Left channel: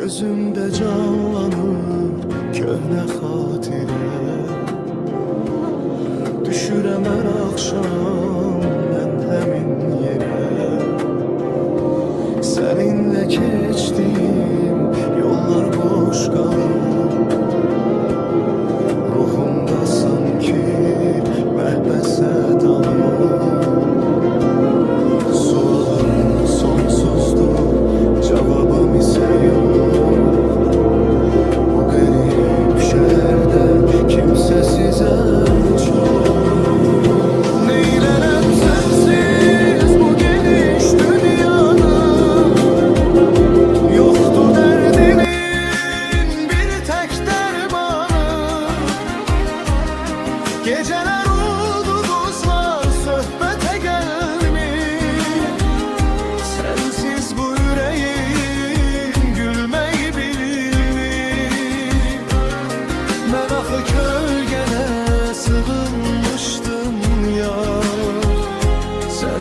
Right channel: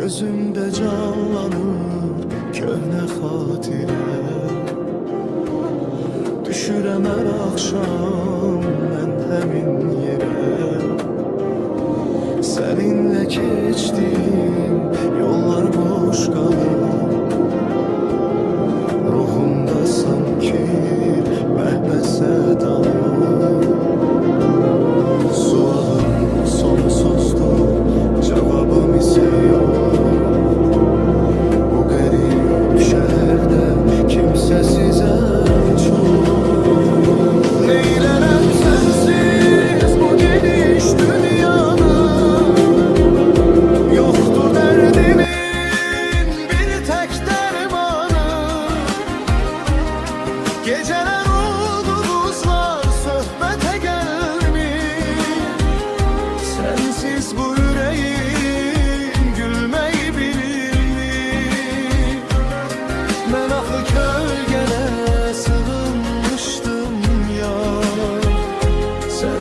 Gözümde canlanır köhne xatirə. Düşürəm hər axşam mən həmin yerə. Səninlə keçdim yollar boş qalır. Ruhumda sanki məhbəsə dalır. Sualım sonsuzdur, cevabım ise yok. Bu garip şehirde kimsesize çok. Neylerem sensiz bu geniş dünyanın. Yoktu derdimin bir tek dermanı. Geceler ulduzlar söhbete gelmiş. Sensiz bu yüreğim gülmeyi bilir. Ben axı kölgen